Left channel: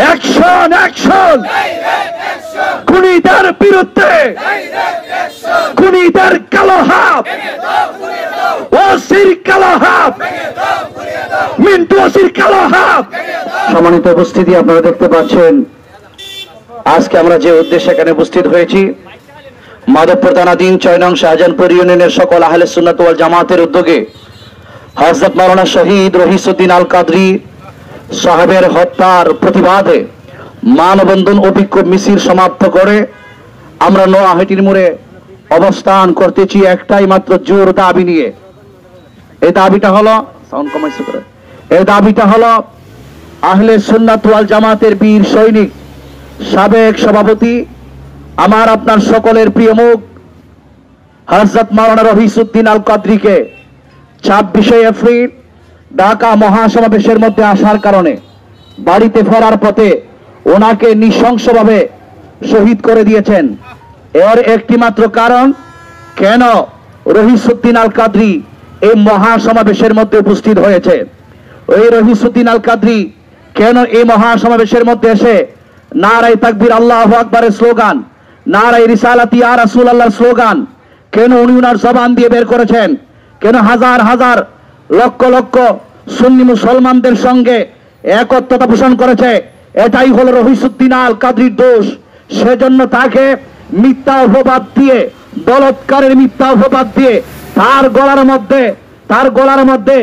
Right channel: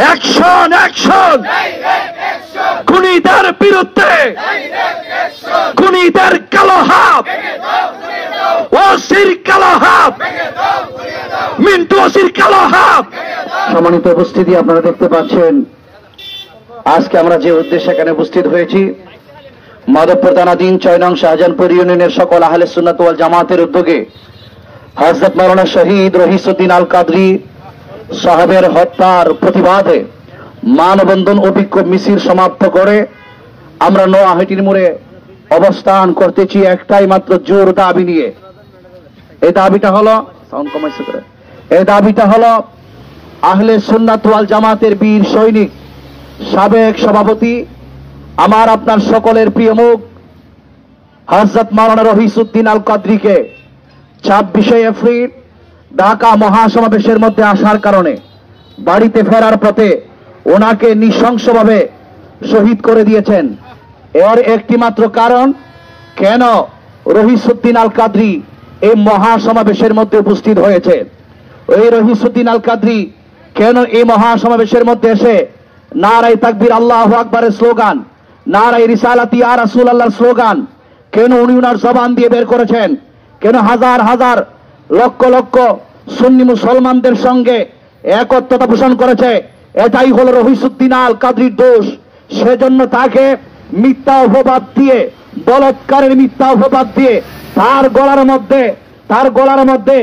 Action action খুনিদের বিরুদ্ধে, খুনিদের কালো হাত, ওসির কালো হাত, মিন্টু ওসির কালো হাত। সম্মানিত উপস্থিতি, আপনারা দেখতে পাচ্ছেন আজকে আমরা যে উদ্দেশ্যে এখানে উপস্থিত হয়েছি, মাধবপুর থানাধীন 6 নং শাহজাহানপুর ইউনিয়নের সকল আহলে সুন্নাত ওয়াল জামাতের উদ্যোগে হযরত মাওলানা শহীদ রহিসউদ্দিন আল কাদরি সাহেবের হত্যার প্রতিবাদে মানববন্ধন ও বিক্ষোভ মিছিল সমাপ্ত করে আমরা নোয়াহাটির মোড়ে অবস্থান করতেছি একটাই মাত্র জোর দাবি নিয়ে। এই দাবিটা হলো আহলে সুন্নাত ওয়াল জামাতের বীর সৈনিক, সাবেক সভাপতি, আমার আপনার সকলের প্রিয় মুখ হযরত মাওলানা রহিসউদ্দিন আল কাদরিকে 26শে এপ্রিল ঢাকা মহাসমাবেশের মধ্যে আসার কারণে বাড়িতে ফেরার পথে ওনাকে নৃশংসভাবে শহীদ করে দিয়েছেন। এর একটি মাত্র কারণ, কেন রহিসউদ্দিন আল কাদরি এই মহাসমাবেশের মধ্যে উপস্থিত হয়েছে। ওই রহিসউদ্দিন আল কাদরি কেন এই মহাসমাবেশের মধ্যে এসে নারায়ে তাকবীর আল্লাহু আকবারের স্লোগান, নারায়ে রিসালাতি ইয়া রাসূলুল্লাহর স্লোগান কেন উনি উনার জবান দিয়ে বের করেছেন, কেন হাজার হাজার লক্ষ লক্ষ সুন্নি মুসলমানদের সঙ্গে একত্রতা পোষণ করেছে, এটাই হলো রহিসউদ্দিন আল কাদরির দোষ। সেজন্য তাকে মিথ্যা অপবাদ দিয়ে, বলৎকারের মিথ্যা অপবাদ দিয়ে তার গলার মধ্যে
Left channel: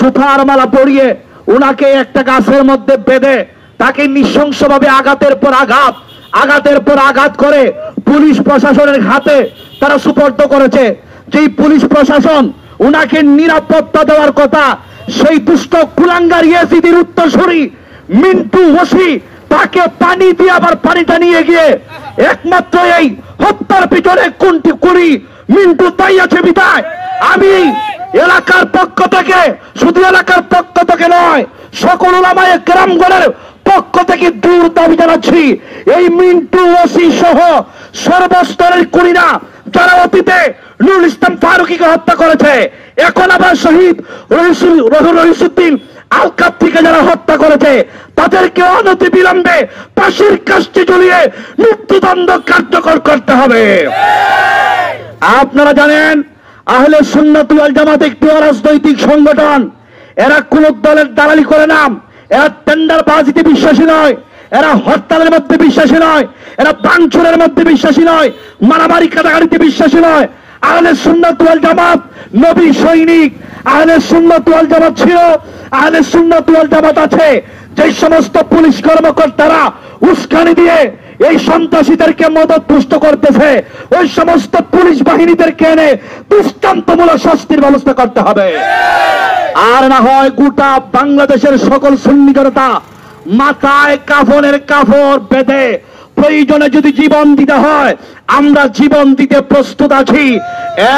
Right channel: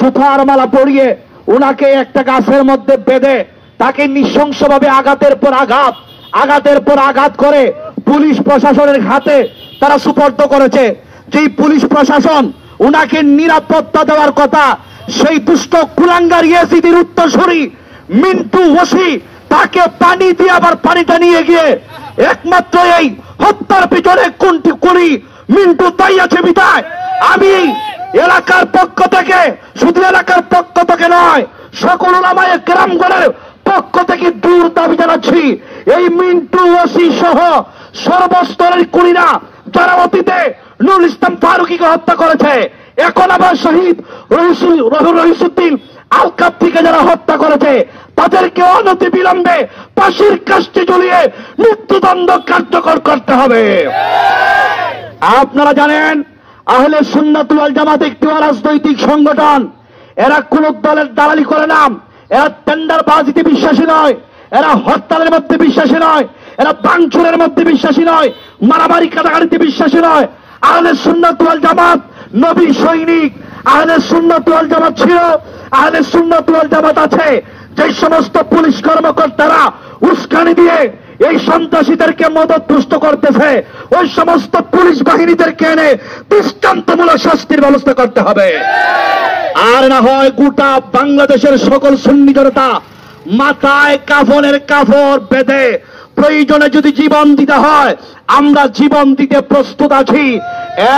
জুতার মালা পরিয়ে উনাকে একটা গাছের মধ্যে বেঁধে তাকে নৃশংসভাবে আঘাতের পর আঘাত করে পুলিশ প্রশাসনের হাতে তারা সুপর্দ করেছে। যেই পুলিশ প্রশাসন উনাকে নিরাপত্তা দেওয়ার কথা, সেই দুষ্ট কুলাঙ্গার ইয়াজিদের উত্তরসূরি মিন্টু ওসি তাকে পানি দিয়ে আবার পানিটা নিয়ে গিয়ে একমাত্র এই হত্যার পিছনে কোনটি করি মিন্টু তাই আছে বিদায়। আমি এলাকার পক্ষ থেকে, শুধু এলাকার পক্ষ থেকে নয়, সকল উলামায়ে কেরামগণের পক্ষ থেকে দূর দাবি জানাচ্ছি, এই মিন্টু ওসি সহ সর্বস্তরের খুনিরা যারা অতীতে নুরুল ইসলাম ফারুকীকে হত্যা করেছে, এখন আবার শহীদ রহিসউদ্দিন আল কাদরিকে যারা হত্যা করেছে, তাদেরকে অনতি বিলম্বে ফাঁসির কাস্টে ঝুলিয়ে মৃত্যুদণ্ড কার্যকর করতে হবে। আপনারা জানেন আহলে সুন্নাত ওয়াল জামাত একটি অরাজনৈতিক সংগঠন। এরা কোন দলের দালালি করে না, এরা টেন্ডারবাজিতে বিশ্বাসী নয়, এরা হরতালের মধ্যে বিশ্বাসী নয়, এরা ভাঙচুরের মধ্যে বিশ্বাসী নয়, মারামারি কাটাকাটিতে বিশ্বাসী নয়। আহলে সুন্নাত ওয়াল জামাত নবী সৈনিক। আহলে সুন্নাত ওয়াল জামাত ছিল, আহলে সুন্নাত ওয়াল জামাত আছে। যে সমস্ত পুলিশ কর্মকর্তারা উস্কানি দিয়ে এই সন্ত্রাসীদেরকে মদত পুষ্ট করতেছে, ওই সমস্ত পুলিশ বাহিনীদেরকে এনে দৃষ্টান্তমূলক শাস্তির ব্যবস্থা করতে হবে। আর না হয় গোটা বাংলাদেশের সকল সুন্নি জনতা মাথায় কাফনের কাপড় বেঁধে প্রয়োজনে যদি জীবন দিতে হয় আমরা জীবন দিতে প্রস্তুত আছি।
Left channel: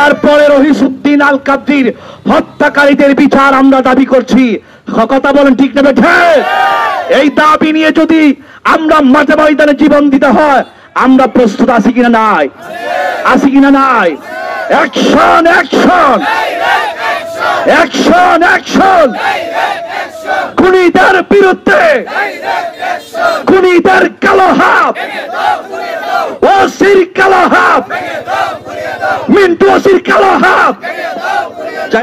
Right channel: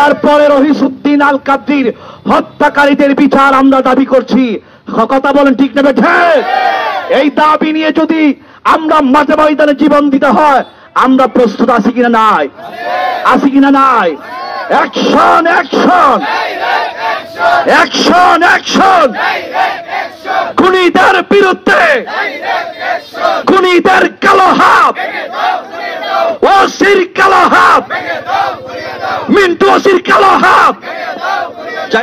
এরপরে রহিসউদ্দিন আল কাদরির হত্যাকারীদের বিচার আমরা দাবি করছি। কথা বলেন ঠিক নেবে? এই দাবি নিয়ে যদি আমরা মাঠে ময়দানে জীবন দিতে হয় আমরা প্রস্তুত আছি কিনা নাই? আছি কিনা নাই? অ্যাকশন অ্যাকশন অ্যাকশন অ্যাকশন খুনিদের বিরুদ্ধে, খুনিদের কালো হাত, ওসির কালো হাত, মিন্টু ওসির কালো হাত।